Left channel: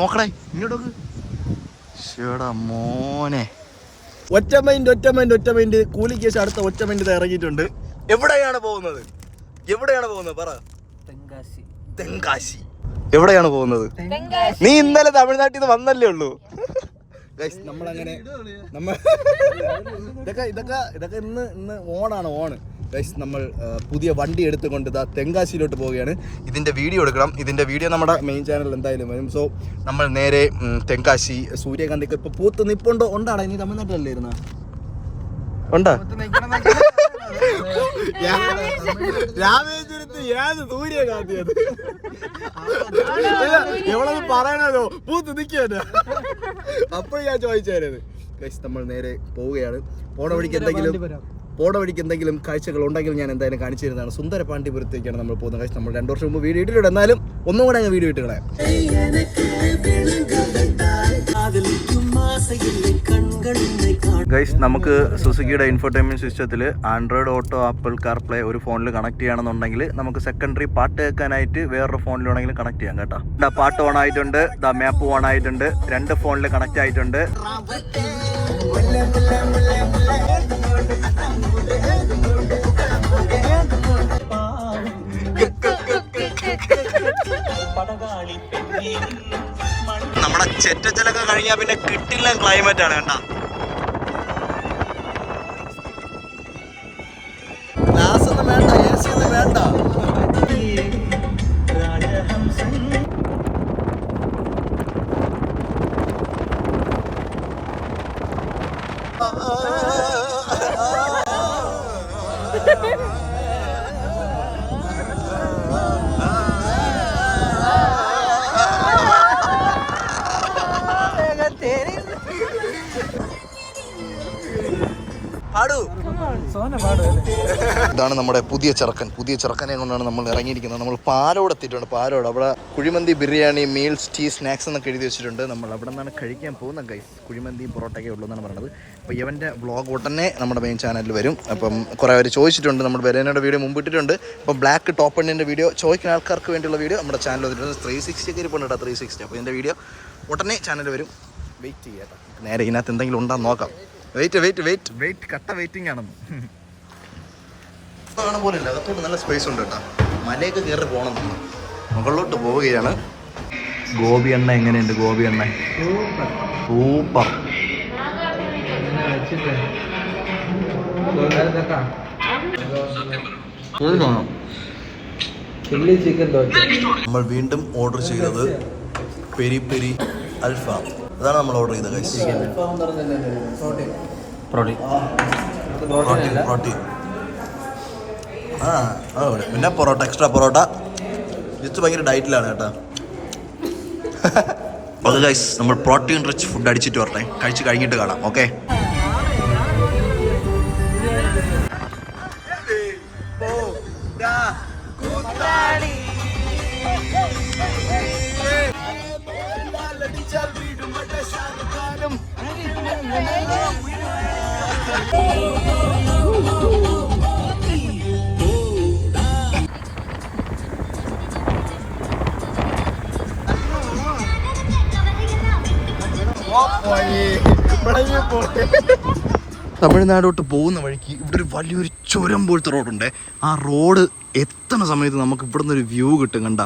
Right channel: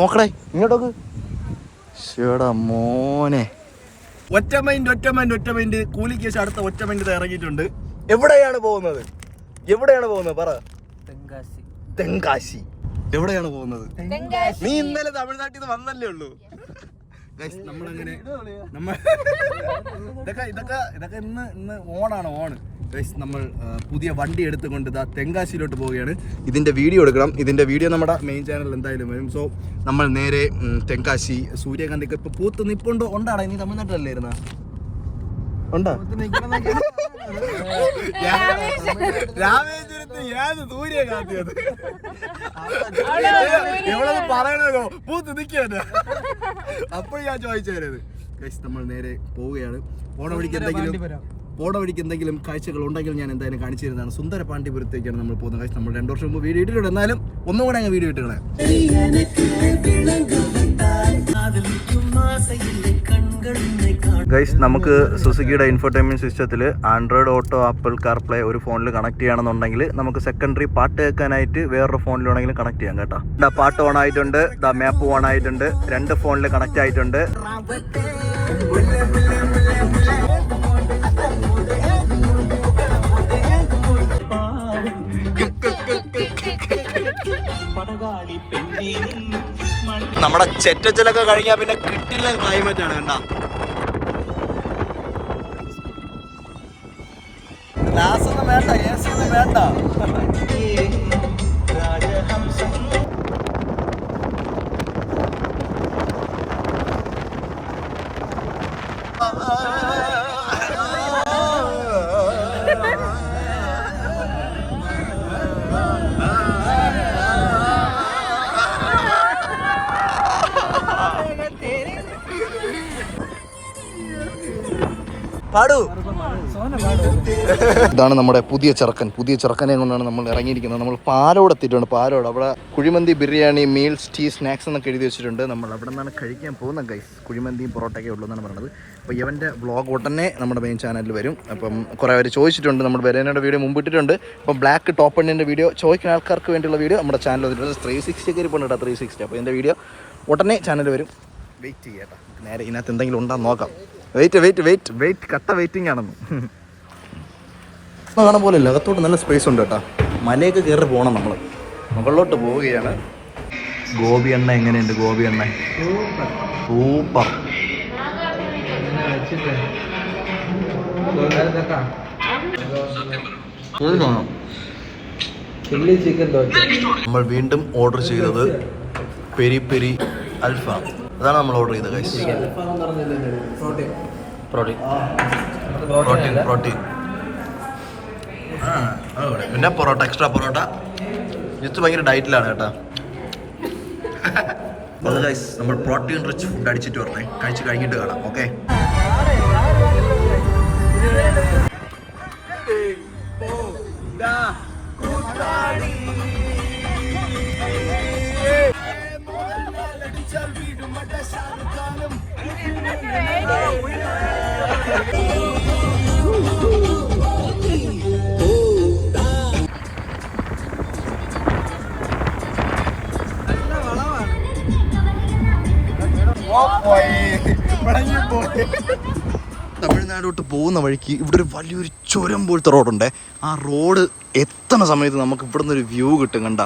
നോക്കണേ ഇങ്ങോട്ടോക്ക്. ശേടാ മോനെ. ഒറ്റ മൈൻഡ് കൂലിക്ക് ശേഷം അടുത്ത ഒറ്റ മൈൻഡ് ഇറങ്ങിയിട്ടുണ്ട്. എവിടെയാണ് പോകുന്നത് പറ. തെങ്കാശി. എവിടെയാണ് പോകുന്നത്? നീ ഇന്നലെ തമിഴ്നാട്ടിൽ നിന്ന് വന്നല്ലേ ഉള്ളൂ. നമ്മളങ്ങനെ ഇതൊക്കെ ഇന്ന് ഓണ് ഗൈസ്. നമ്മൾ പുതിയ വണ്ടി എടുത്തുകൊണ്ട് തെങ്കാശിയിലോട്ട് പോവുകയാണ്. ഇതിന്റെ വീഡിയോ എടുക്കണം. ഇതിന്റെ വീഡിയോ നമ്മുടെ മെയിൻ ചാനൽ എന്തായാലും വരും. സോ നമ്മൾ നേരെ തെങ്കാശി. സൂര്യകാന്തിക്ക് ഇപ്പൊ പൂത്ത് നിപ്പുണ്ടോ? ഉണ്ടാണ്. നീ തമിഴ്നാട്ടിലല്ലേ ഇരുന്ന? ഉണ്ടാ? രാമേശ്വരത്ത് ഏത് സൂര്യകാന്തി അത്? എവളത് പറയണല്ലോ, പൂത്ത് നിൽക്കാന്. അപ്പോഴും ഞാൻ ചോദിച്ചായിരുന്നു. ഗൈസ് നമ്മൾ നേരെ പോവുകയാണ്. പോണ വഴിക്ക് എന്തെങ്കിലും കാഴ്ചകൾ ഉണ്ടെങ്കിൽ ഞാൻ എന്തായാലും കാണിച്ചു തരുന്നതാണ്. സുന്ദര പാണ്ഡിപുരത്തേക്കാണ് നമ്മൾ പോകുന്നത്. ഗൈസ് നമ്മൾ 2 വർഷം മുമ്പ് വീഡിയോ ഇട്ടിട്ടുണ്ട്. എന്നാലും ഒന്നും കൂടെ അങ്ങ് വീഡിയോ ഇട്ടുകളെ. ഗൈസ് നമുക്ക് സുസുക്കിയുടെ ഇൻഫോർടൈൻമെന്റ് സിസ്റ്റത്തിൽ ആൻഡ്രോയിഡ് ഓട്ടോ, ആപ്പിൾ കാർപ്ലേ ഒരു ഫോണിൽ കണക്ട് ചെയ്യണമെന്നുണ്ടെങ്കിൽ നമുക്ക് സെക്കൻഡറി പാട്ട് കേൾക്കാനായിട്ട് വേറൊരു ഫോണിൽ വേണമെങ്കിലും കണക്ട് ചെയ്യാം കേട്ടോ. പാട്ട് ഓൺ ആയിട്ടുണ്ട്, മാപ്പ് ഓൺ ആയിട്ടുണ്ട്, 2 ഫോണിൽ കണക്ട് ആയിട്ടുണ്ട്. നമ്മുടെ ചെറ്റച്ചിലൊക്കെ കഴിഞ്ഞാൽ പിന്നെ കിട്ടില്ല ക്ലൈമറ്റ് ആണ് കണ്ട. ഗ്ലാസ് ഒന്നും വേണ്ട, AC ഒന്നും വേണ്ട. ഇതാണ് നമ്മുടെ പുതിയ ചെറുക്കനെ കൊണ്ടാണ് നമ്മൾ ഇറങ്ങിയിരിക്കുന്നത്. നമ്മൾ പാലോട് എത്തിയിട്ടുണ്ട്. പാലോട് അവിടെ kuzhimanthi, biryani, meals, tea, snacks എന്നൊക്കെ എഴുതി വെച്ചിട്ടുണ്ട്. നമ്മൾ അവിടെ നിന്നാണ് കഴിക്കാൻ പോകുന്നത് ഗൈസ്. കുഴിമന്തിയും പൊറോട്ടയൊക്കെ ഉള്ളൂ എന്നാണ് പറയുന്നത്. അപ്പോൾ ഇവൻ്റെ വ്ളോഗ് ഉടനെ നമ്മുടെ മെയിൻ ചാനലിൽ വരും. അപ്പം കുറേ പേര് ചോദിച്ചിട്ടുണ്ട്. നമ്മൾ ബെരേനയുടെ വീഡിയോ മുമ്പ് ഇട്ടിട്ടുണ്ട്. അപ്പം ബ്ലാക്ക് ടോപ്പ് എണ്ണിൻ്റെ വീഡിയോ ചോദിക്കുന്ന ആൾക്കാർക്ക് വേണ്ടിയുള്ള വീഡിയോ നമ്മുടെ ചാനൽ വന്നിട്ടുണ്ട്. 360 ഒക്കെ ഇരിപ്പുണ്ട് കേട്ടോ, 360. അപ്പോൾ എൻ്റെ വീഡിയോ ഉടനെ ചാനൽ വരും. വെയിറ്റ് ചെയ്യാം കേട്ടോ. നേരെ ഇതിനകത്ത് എന്തെങ്കിലും ഉണ്ടാകും നോക്കാം. വെയിറ്റ് കട്ട വെയിറ്റിംഗ് ആണെന്ന് കാണാൻ പോലെ. അകത്തോട്ട് നല്ല സ്പേസ് ഉണ്ട് കേട്ടോ. മലയൊക്കെ കയറി പോകണം. നമ്മൾ മുകളിലോട്ട് പോവുകയാണ്. ഗോപി എണ്ണ എങ്ങനെയുണ്ട്? ഗോപി എണ്ണ സൂപ്പർ. നമ്മൾ വീണ്ടും ഓർഡർ ചെയ്തത് പെരി പെരി അൽഫാം. അതാണ് നമ്മൾ ഓർഡർ ചെയ്തത് ഗൈസ്. പ്രോട്ടീൻ. പിന്നെ പൊറോട്ട, എക്സ്ട്രാ പൊറോട്ട. ഇത് ഭയങ്കര ഡയറ്റിലാണ് കേട്ടോ. അത് ഗൈസ് നമ്മൾ പ്രോട്ടീൻ റിച്ച് ഫുഡ് അടിച്ചിട്ട് വരട്ടെ. കഴിച്ച് കഴിഞ്ഞിട്ട് കാണാം. ഓക്കെ. തമിഴ്നാടോട്ട് പോകുന്ന വഴിക്ക് ഇവിടെ ഒരു വലിയൊരു ചുരം പോലത്തെ റോഡുണ്ട്. ആ റോഡ് എത്തണ സമയത്ത് നമുക്ക് ഇവിടുന്ന് ഒരു വ്യൂ കിട്ടും. കണ്ട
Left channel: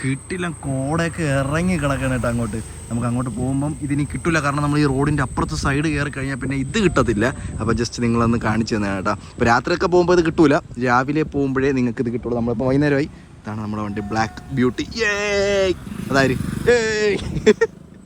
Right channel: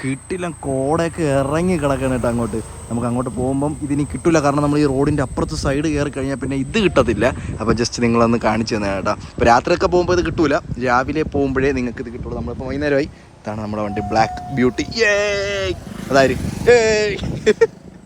കിട്ടില്ല, കോടയൊക്കെ ഇറങ്ങി കിടക്കണം കേട്ടോ. നമുക്ക് അങ്ങോട്ട് പോകുമ്പം ഇതിനി കിട്ടില്ല. കാരണം നമ്മൾ ഈ റോഡിൻ്റെ അപ്പുറത്ത് സൈഡ് കയറി കഴിഞ്ഞാൽ പിന്നെ ഇത് കിട്ടത്തില്ല. അപ്പോൾ ജസ്റ്റ് നിങ്ങളൊന്ന് കാണിച്ചു തന്നെ കേട്ടോ. ഇപ്പോൾ രാത്രിയൊക്കെ പോകുമ്പോൾ ഇത് കിട്ടൂല, രാവിലെ പോകുമ്പോഴേ നിങ്ങൾക്ക് ഇത് കിട്ടുള്ളൂ. നമ്മളിപ്പോൾ വൈകുന്നേരമായി. ഇതാണ് നമ്മുടെ വണ്ടി, ബ്ലാക്ക് ബ്യൂട്ടി.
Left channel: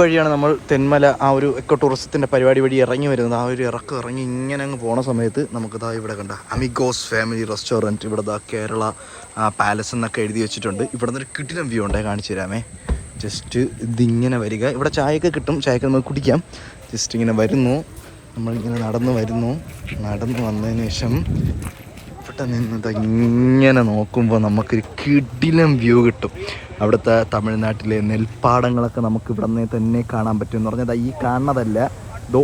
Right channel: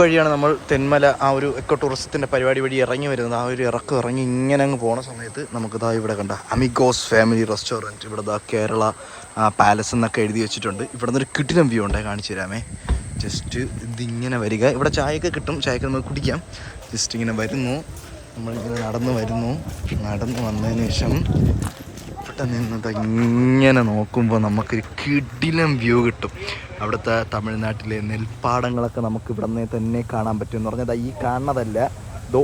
വഴിയാണ് നമ്മൾ തെന്മല ആ ഒരു എക്കോ ടൂറിസത്തിൻ്റെ പരിപാടി വഴി ഇറങ്ങി വരുന്നത്. ആ ഒരു ഇറങ്ങി ഇങ്ങനെ അങ്ങ് പോണ സമയത്ത് നമുക്ക് ഇവിടെ കണ്ട അമിഗോസ് ഫാമിലി റെസ്റ്റോറൻറ്റ്. ഇവിടെ കേരള പാലസ് എന്നൊക്കെ എഴുതി വെച്ചിട്ടുണ്ട്. ഇവിടെ നിന്നൊരു കിടിലം വ്യൂ ഉണ്ടേ, കാണിച്ചു തരാമേ. ജസ്റ്റ് ഇതിങ്ങനെ വരിക. ഇവിടെ ചായയൊക്കെ കിട്ടും, ചായയൊക്കെ നമുക്ക് കുടിക്കാം. ജസ്റ്റ് ഇങ്ങനെ വരുന്നു, നമ്മളിങ്ങനെ നടന്നു വന്നതിന് ശേഷം ഇവിടെ നിന്നത് ഇങ്ങനെ നോക്കുമ്പോൾ നമുക്കൊരു കിടിലം വ്യൂ കിട്ടും. അവിടുത്തെ തമിഴ്നാട്ടിലെ നെൽപ്പാടങ്ങളൊക്കെ നമുക്ക് ഇവിടെ നിന്ന് തന്നെ കാണാൻ പറ്റും. എന്ന് പറഞ്ഞാൽ ഈ കാണുന്നതല്ല, ഇതോ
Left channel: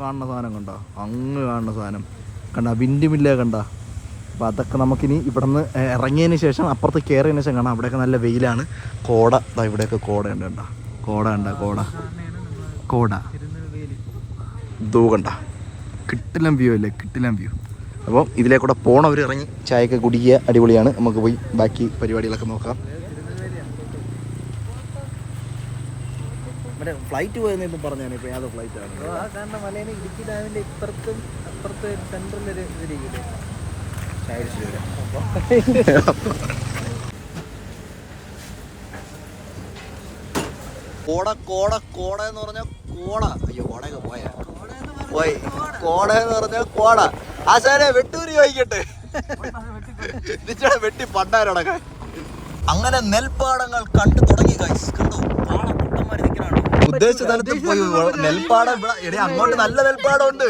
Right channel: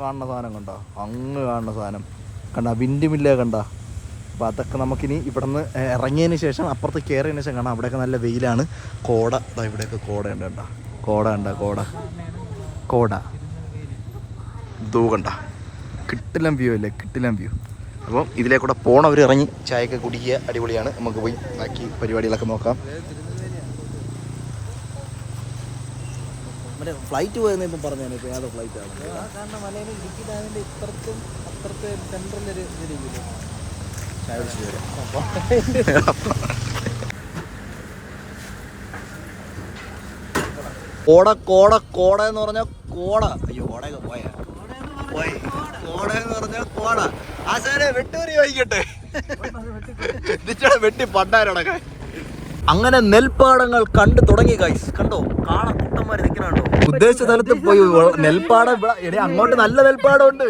കാണുന്ന സാധനം കണ്ട, അങ്ങ് കാണുന്ന സാധനം കണ്ട, വിൻഡ് മില്ല കണ്ട. അപ്പോൾ അതൊക്കെ നമുക്കിനി ഇവിടെ നിന്ന് ഇറങ്ങിയതിന് ശേഷം അപ്പുറത്ത് കയറിയതിന് ശേഷം കാണാം. അവിടെയൊക്കെ നല്ല വെയിലാണ്, കോട. ഇവിടെയൊക്കെ കോടയുണ്ട് കണ്ട. കോട കണ്ട കോട ഇതോ കണ്ട കിട്ടിലം വ്യൂ അല്ലേ, കിട്ടിലം വ്യൂ. അപ്പം ഇതിലേക്കൂടെ പോണവർ ഇറങ്ങി ചായയൊക്കെ കുടിക്കുക, അടിപൊളിയാണ്. നമുക്ക് പോയി ബാക്കി പരിപാടികളൊക്കെ നോക്കാം. മറ്റേ ഫ്ലൈറ്റ് പോയെന്ന് ഇപ്പം പറഞ്ഞാണ്, ഇപ്പം യാതൊരു ഫ്ലൈറ്റാണ് കാരണം മലേനെ ഇടുക്കി ഡാമിൻ്റെ ഇപ്പുറത്തും അപ്പുറത്ത് സെൻട്രലൊരു ഇതിരിക്കില്ലേ ചായ പിടിച്ചിട്ട് വരാം. കോട എന്ന് പറഞ്ഞാൽ കോട. അയ്യോ കോടയൊക്കെ പോയി കോട എന്ന് പറഞ്ഞാൽ കോട. ആശാനെ വെട്ടൂരി വായിക്കട്ടെ, വെട്ടി പണ്ടാരടക്കം. അങ്ങനെ നെൽപ്പാടങ്ങൾ കണ്ടു തുടങ്ങി ഗൈസ്. കണ്ടോ കാണാൻ കുട്ടന്മാര് നിൽക്കണോ. ഉദ്ദേശിച്ച സ്ഥലത്ത് പോയി നെൽപ്പാടം ഇവിടെ അങ്ങോട്ട് നല്ല നെൽപ്പാടം ഉണ്ട്.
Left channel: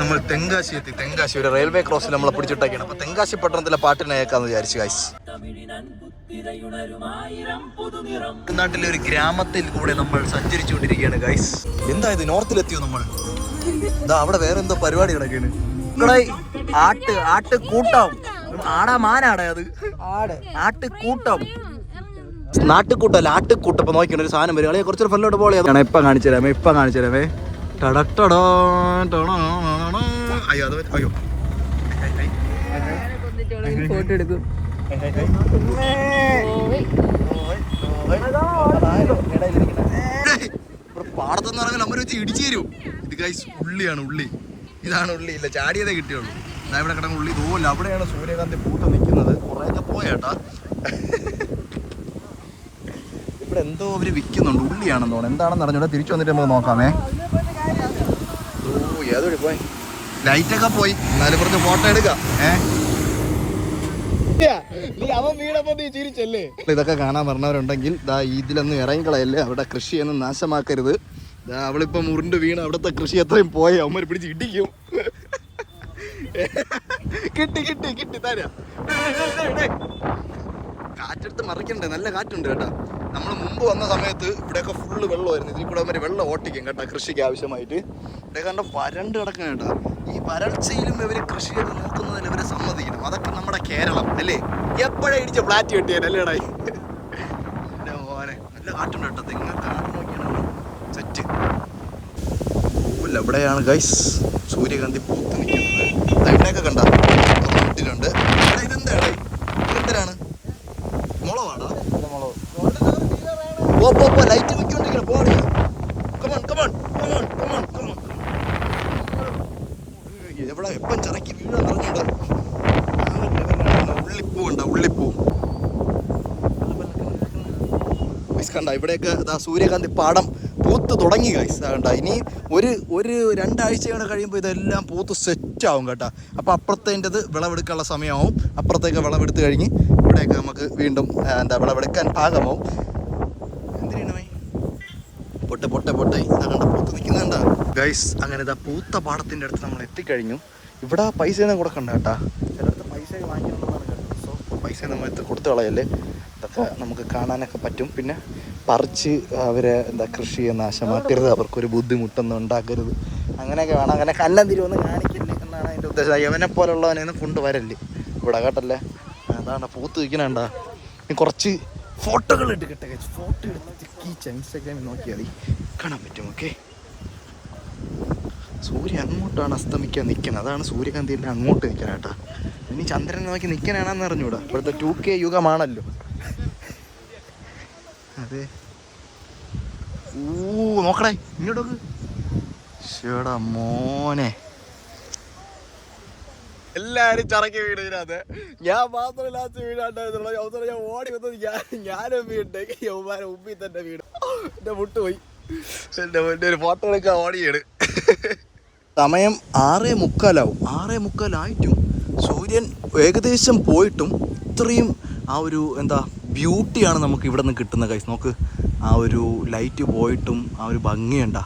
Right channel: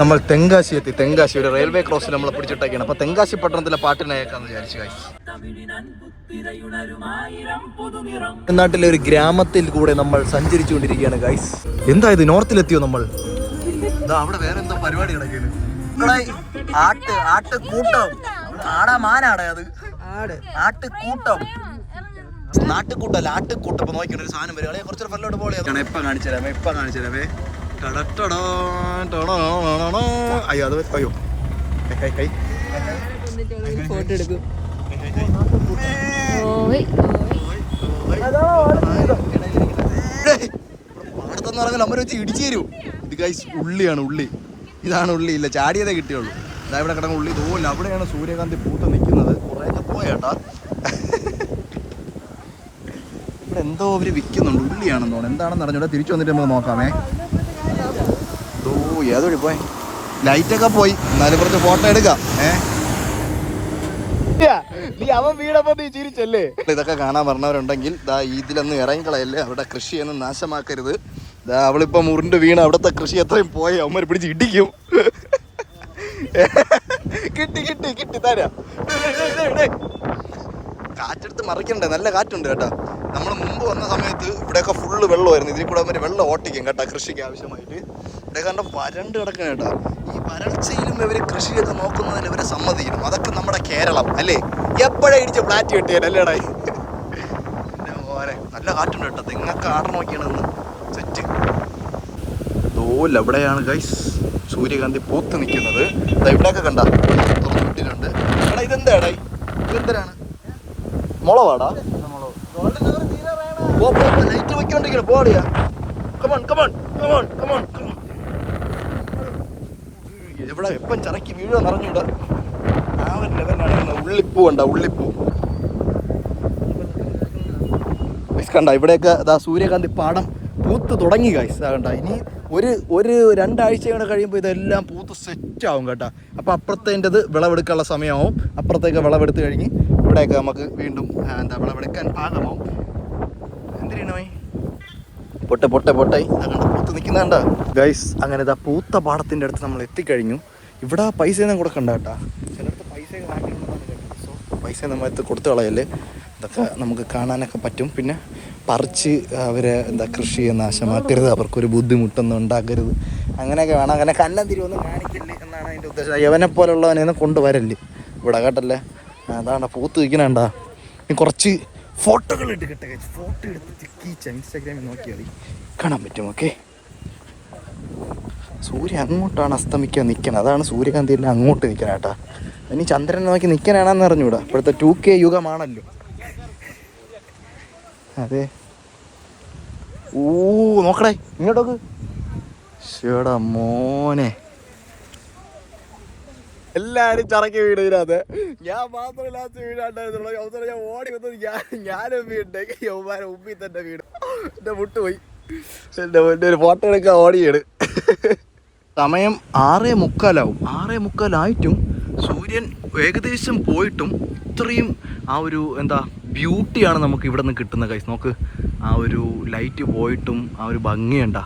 നമ്മൾ തെങ്കാശി എത്തി. തെങ്കാശി ഒരു റെയിൽവേ ക്രോസിൽ നമ്മളെ പിടിച്ചിട്ടൊക്കെയാണ്. അപ്പൊ തെങ്കാശി പട്ടണത്തിലെ പാട്ടിനെ കേൾക്കാന്ന് വിചാരിച്ചു ഗൈസ്. നാട്ടിലെ ഒരു ഗ്രാമത്തിൽ കൂടെ നമ്മൾ സഞ്ചരിച്ചുകൊണ്ടിരിക്കുകയാണ് ഗൈസ്. എന്താ ഇത്, നോർത്തിലെത്തിയോ നമ്മൾ? അവിടെ വേറെ എന്തോ പരിപാടി കിടക്കാണ്. ആട്ടുകൂട്ടം ആടാ മാനാടാ അത് ആട്ടുകൂട്ടം നാട്ടുകൂട്ടല്ല ആട്ടുകൂട്ടം. അപ്പൊ നോക്കിയാണ് ഒരു സാധനം വരും. കുറച്ചൊരു ഫല്ലോട്ട് പോലെ ഇപ്പൊ കാണിച്ചു തരാമേ. അയ്യോ അത് അയ്യോ ഫോട്ടോ എടുക്കും. പാടത്തെന്ന് പറഞ്ഞാൽ നമ്മൾ വെച്ച് ഇടിച്ചു തരൂ. ഇത് ഗൈസ് ഉള്ളിയാണ്, ഇതാണ് ഉള്ളി. ഇല്ല ചാടിയതേ കിട്ടിയുള്ളൂ. ഇതാ ഇവിടെ കിടക്കുന്ന ഉള്ളി തോല്ല. അവിടെയാണ് സൂര്യകാന്തി പൂത്ത് നിൽക്കുന്നത്. കുറേയൊക്കെ പോയേട്ടാ. ഇവിടെ എന്തോ അവര് വിൽക്കുന്നുണ്ട്, ഉള്ളിയാണെന്ന് തോന്നുന്നു. എന്താണെന്ന് അറിഞ്ഞൂടെ. തിരിച്ചു വന്നിട്ട് നമുക്ക് നോക്കാമേ. ഏതോടി പോയി, ലൈറ്റൊക്കെ പോയി. എന്നാലും കുറച്ച് ഫോട്ടോ എടുക്കാം. ഇതൊക്കെ കാണാൻ പറഞ്ഞവരുണ്ടെങ്കിൽ ഇതിലൊന്നും ഇറങ്ങിക്കളയല്ലേ, അവിടെ കൃഷിയൊന്നും നാശമാക്കരുത്. അവളിപ്പം മുറിണ്ട് വീണ് അവിടുത്തെ കൃഷി എത്രയും പോയി അവന്മാർ പിടിച്ച് ഇടിക്കും. കിട്ടി തരാം. കാറ്റെടുത്ത് മറിക്കണ്ടേ, നല്ല കാറ്റുണ്ട് കേട്ടോ. നമ്മൾ മുമ്പ് വന്ന സമയത്ത് ഇവിടെയൊക്കെ ഫുള്ള് വെള്ളമായിരുന്നു. ഇതിൽ കൂടെ അവർ വെള്ളം ഓട്ടിക്കും കേട്ടോ കൃഷിക്ക് ആവശ്യമായിട്ട്. ഇവിടെ കണ്ട വരണ്ട് കിടക്കണം കേട്ടോ. ഈ വരൾച്ചയിലും ഇവർ കൃഷി ചെയ്ത് നോക്കുന്നതിൽ ഇവരെ സമ്മതിക്കണം. അതൊക്കെ നമ്മുടെ കേരളം അല്ലേ. എപ്പോഴേ ഇടിച്ച ഫ്ലാറ്റ് കിട്ടിയാലല്ലേടാ. നല്ല കാറ്റുണ്ട് കേട്ടോ. തെങ്ങൊക്കെ ആട നോക്കിയാണ് സെറ്റ്. എവിടെയാണ് ഗൈസ് സൂര്യകാന്തി പൂത്ത് നിൽക്കുന്നത്. ഇവിടെയൊക്കെ കണ്ട തൊട്ടിട്ടുണ്ട്. ഇതെന്താണ്, മുളവാടാ? ലൈറ്റ് വെക്കൊണ്ടിരിക്കുന്നു. പോടിയാ എവിടെ എപ്പം ചറക്കി വീഴും പറഞ്ഞിട്ട്. ഉള്ളിപ്പൂ കണ്ട ഇവിടെയൊക്കെ സൂര്യകാന്തി പാടം പൂത്ത് തുടങ്ങി ഗൈസ്. കണ്ട ഇനി ഒരു രണ്ടാഴ്ചയോടെ കഴിയുമ്പോൾ ഇതെല്ലാം പൂത്ത് സെറ്റാവും കേട്ടോ. അപ്പോൾ അപ്പുറത്തേൻ്റെത് വിളവെടുക്കാനുള്ള സമയമാവും. അപ്പുറത്തേക്ക് വിളവെടുത്ത് കഴിഞ്ഞ് ഇവിടെയൊക്കെ നമുക്ക് വീണ്ടും വിളവെടുക്കാൻ പാകമാവും. എന്തിനാണ് പൊട്ടായി കണ്ട പൂത്ത് നിൽക്കുന്നുണ്ട ഗൈസ്. അങ്ങനെ പൂത്ത പാടത്തിൻ്റെ അടുത്ത് നമ്മൾ എത്തിക്കഴിഞ്ഞു. ഇവിടെ പൈസയൊന്നും കൊടുക്കണ്ട കേട്ടാ. ചിലടത്ത് പൈസ വാങ്ങിയിട്ടുള്ളതാണ് കേട്ടോ. സോ പൈസ നമ്മളടുത്ത് കൊടുത്തു കളയല്ലേ. ഇതൊക്കെ നമുക്ക് കാണാനൊക്കെ പറ്റും. പിന്നെ പറിച്ച് അവർ കൃഷി നാശമാക്കരുത്, അവർക്കൊരു ബുദ്ധിമുട്ടൊന്നും ഉണ്ടാക്കരുത്, അങ്ങനെയൊക്കെ വേണം. അങ്ങനെ കന്നം തിരുവൊന്നും കാണിക്കല്ലേ എന്നാണ് അതിൻ്റെ ഉദ്ദേശം. യവനെ പോലുള്ളവനെയൊന്നും കൊണ്ടുവരല്ലേ ഇവിടെ കേട്ടല്ലേ. അതാണ് പൂത്ത് വയ്ക്കണേണ്ടാ. ഇനി കുറച്ച് ഫോട്ടോകൾ എടുക്കട്ടെ. ഫോട്ടോ എടുത്ത് ഇൻസ്റ്റാഗ്രാമിൽ നോക്കിയാൽ മതി, കാണാൻ പറ്റും. ഓക്കെ, സൂര്യൻ അങ്ങോട്ടാണ് അസ്തമിക്കാൻ നിൽക്കുന്നത്. അതാണ് സൂര്യകാന്തി എല്ലാം അങ്ങോട്ട് നിൽക്കണം കേട്ടാ. ഇനി ചന്ദ്രനെ നോക്കി നിൽക്കാനാണെന്ന് അറിഞ്ഞൂടാ. ഇപ്പോഴത്തെ 2K യുഗമാണല്ലോ. അതെ. നോക്കടേ ഇങ്ങോട്ടൊക്കെ. ശേടാ മോനെ, എല്ലാരും ചറക്കി വീടിനകത്ത്. ഞാൻ മാത്രം ലാസ്റ്റ് വീടാണ്ടായിരുന്നുള്ളൂ. അവസരം ഞാൻ ഓടി വന്നത് ഞാനും വീടുണ്ടെങ്കിൽ യൗമാരെ ഉമ്മി തന്നെ വീട്. എൻ്റെ മുട്ടുപോയി. എൻ്റെ ഒരു ഫോട്ടോ എടുക്കാൻ ഓടിയാണ്. സമയം 6:45 6:45 സൂര്യൻ ഏകദേശം പോയിട്ടും ഇത്രയും ആ ഒരു ബ്യൂട്ടിയാണ് നമുക്ക് ഇവിടെ നിന്ന് കിട്ടുന്നത് ഗൈസ്. നോക്ക്, ആ ഒരു ലൈറ്റ് പോയിട്ടും ആ ഒരു ഭംഗിയുണ്ടാ.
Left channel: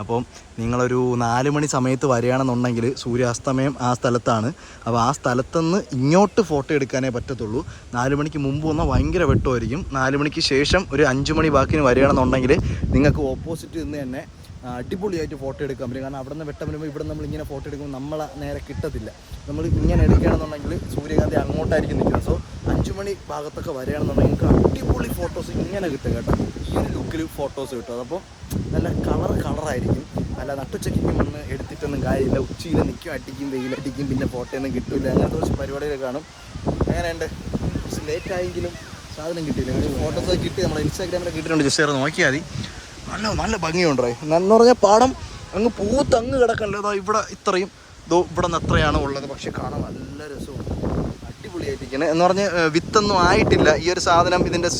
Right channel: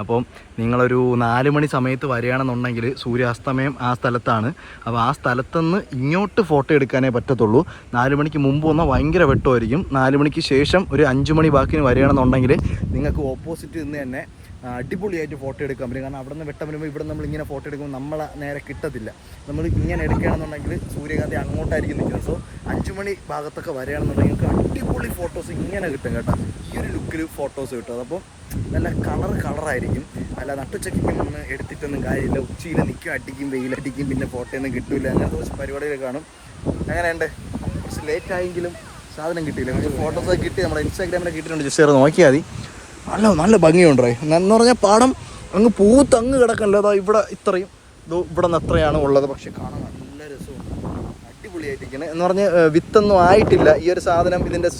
അപ്പം നിങ്ങളൊരു 4 മണി സമയത്ത് വരികയാണെന്നുണ്ടെങ്കിൽ സൂര്യാസ്തമയം ആ സ്ഥലത്താണ്. അപ്പോൾ ആ സ്ഥലത്തുനിന്ന് ഇങ്ങോട്ട് ഫോട്ടോ എടുക്കാനേ പറ്റത്തുള്ളൂ. 4 മണിക്ക് മുമ്പ് വന്നാൽ ഭയങ്കര വെട്ടമായിരിക്കും. 4 മണിക്ക് ശേഷം ഒരു 5 മണി ബാക്കിന് വരികയാണെന്നുണ്ടെങ്കിൽ നിങ്ങൾക്ക് ഓപ്പോസിറ്റ് നിന്ന് തന്നെ അടിപൊളിയായിട്ട് ഫോട്ടോ എടുക്കാൻ പറ്റും. കാരണം അവിടെ നിന്ന് വെട്ടം വരുമ്പോൾ ഇവിടെ നമ്മൾ ഇങ്ങനെ ഫോട്ടോ എടുക്കുമ്പോൾ നമ്മളെ നേരെ കിട്ടത്തില്ല. നമ്മൾ ഇങ്ങനെ എടുക്കുകയാണെന്നുണ്ടെങ്കിൽ സൂര്യകാന്തി അങ്ങോട്ടായിരിക്കും നിൽക്കുന്നത്. സോ 5 മണി ഭാഗത്തൊക്കെ വരികയാണെന്നുണ്ടെങ്കിൽ നിങ്ങൾക്ക് അടിപൊളി ഫോട്ടോസ് ഇങ്ങനെ കിട്ടും കേട്ടോ. ഈ ഒരു ലുക്കിൽ ഫോട്ടോസ് കിട്ടും. അതപ്പം നല്ല കളറായിരിക്കും. അല്ല നട്ടുച്ചയ്ക്ക് മണ്ണ് എടുത്തിട്ടൊന്നും കാര്യമില്ല. ഉച്ചയിൽ നിൽക്കും, അടിക്കും, വെയിലടിക്കും, പിന്നെ ഫോട്ടോ ഒന്നും കിട്ടില്ല. അങ്ങനത്തെ കുറച്ച് പരിപാടികൾ കാണും. അങ്ങനെയുണ്ട്. കുറച്ച് ലേറ്റ് ആയെങ്കിലും സാധനം കിട്ടിയില്ല. പക്ഷേ ഫോട്ടോസൊക്കെ കിട്ടി. നമ്മുടെ ഇൻസ്റ്റാഗ്രാമിലൊക്കെ കിട്ടിയിട്ടുണ്ട്. ജസ്റ്റ് നോക്കിയാൽ മതി. നല്ല ഭംഗിയുണ്ടേ. എന്ന് പറഞ്ഞാൽ പാടം അങ്ങ് പൂത്തങ്ങ് കിടക്കണ്ട. അതാ ഇവിടെ ഇത്രയും ഇവിടെ നിന്ന് അത്രയാണ് ഉള്ളത്. പക്ഷെ കാണാൻ നല്ല രസമുണ്ട്. അടിപൊളിയായിട്ടിരിക്കുന്നത്. എന്ന് പറഞ്ഞ് വിത്തൊന്നും ആയിട്ടില്ല. ഈ ഒരു സാധനം ഇതിൻ്റെ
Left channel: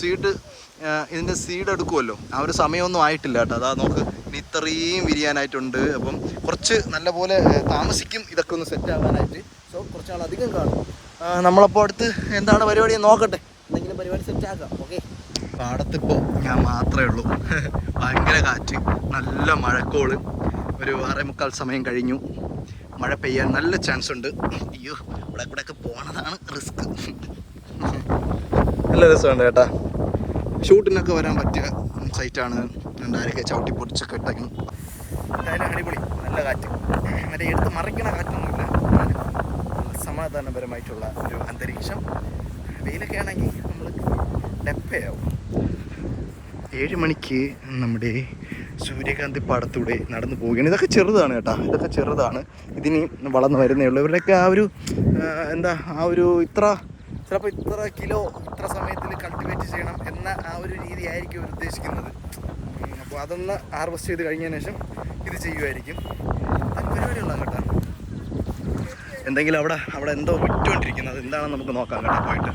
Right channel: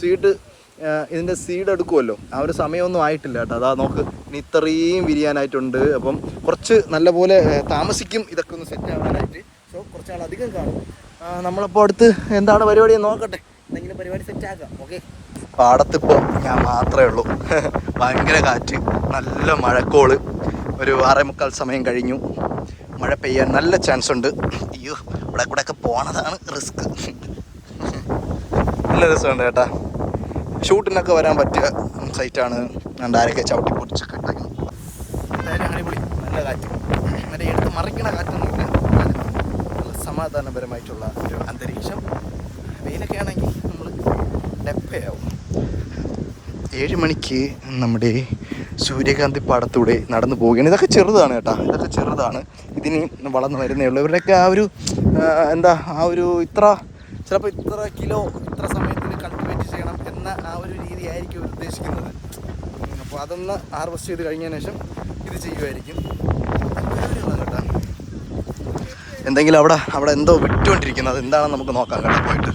സീഡ് എടുക്കുമല്ലോ, ആ ഒരു സമയമൊന്നും ആയിട്ടില്ല കേട്ടോ. അതാ നോക്ക്, ഇനി ഇത്രയും വിരിയാനായിട്ടുണ്ട്. അപ്പം കുറച്ച് നല്ലപോലെ താമസിക്കും ഇതൊക്കെ ഒന്ന് സെറ്റ് ആവാനായിട്ട്. സോ കുറച്ച് നാളധികം കാണും. നമ്മളപ്പോൾ അടുത്ത് എന്താണ് പരിപാടി നോക്കട്ടെ. എന്തെങ്കിലും പരിപാടി സെറ്റാക്കാം. ഓക്കെ. പാടത്തിപ്പോൾ ഞാൻ മാത്രമേ ഉള്ളൂ. ഭയങ്കര കാറ്റ്, നല്ല മഴക്കോള്. ഒരു 6:45 സമയം കഴിഞ്ഞു. മഴ പെയ്യാൻ നല്ല ചാൻസ് ഉണ്ട്. അയ്യോ, ഇവിടെ കൂടെയൊക്കെ പോണതാണ് റിസ്ക്. നല്ല രസമുണ്ട് കേട്ടാ. ഷൂട്ടിനൊക്കെ വരാൻ പറ്റിയ സൈറ്റാണ്. ആരൊക്കെ ചവിട്ടി പൊടിച്ചൊക്കെ ഇട്ടേക്കുന്നു. എന്തായാലും അടിപൊളി. നല്ല കാറ്റ്. മറ്റേ എടുത്ത് മറിക്കണ കാറ്റൊന്നുമില്ല. നല്ല സമാധാനപരമായിട്ടുള്ള ഒരു അന്തരീക്ഷം. വെയിലൊക്കെ ആണെങ്കിൽ നമ്മൾ ഡെപ്പയാവും. 7 മണിക്ക് നമ്മുടെ സൂര്യകാന്തി പാടത്തൂടെ നടന്നു പോവുകയാണ്. ഇതൊക്കെ ചെറുതാണ് കേട്ടോ. ഇതൊക്കെ ചെറുതാണ്. ഇതിന് വളർന്നു വരുന്നേ ഉള്ളൂ. ഇവരുടെയൊക്കെ ആ ഒരു ചിലപ്പോൾ ഇത്ര കിലോ ഇത്ര സമയത്തിൽ കൾട്ടിവേറ്റ് ചെയ്യണം എന്ന ആ ഒരു രീതി ആയിരിക്കും അവർ ഉദ്ദേശിക്കുന്നത്. അപ്പോൾ അതൊന്ന് ഹാർവെസ്റ്റ് ചെയ്ത് കഴിഞ്ഞതിന് ശേഷം ഇത് ചെയ്യുമായിരിക്കും. പരിപാടികളാണ് കേട്ടോ. എന്തെങ്കിലും അവിടെ എന്തോ വിട്ടുകൊണ്ടിരിക്കുന്നത്. എന്താണെന്ന് നമുക്ക് നോക്കാം കേട്ടോ പോയിട്ട്.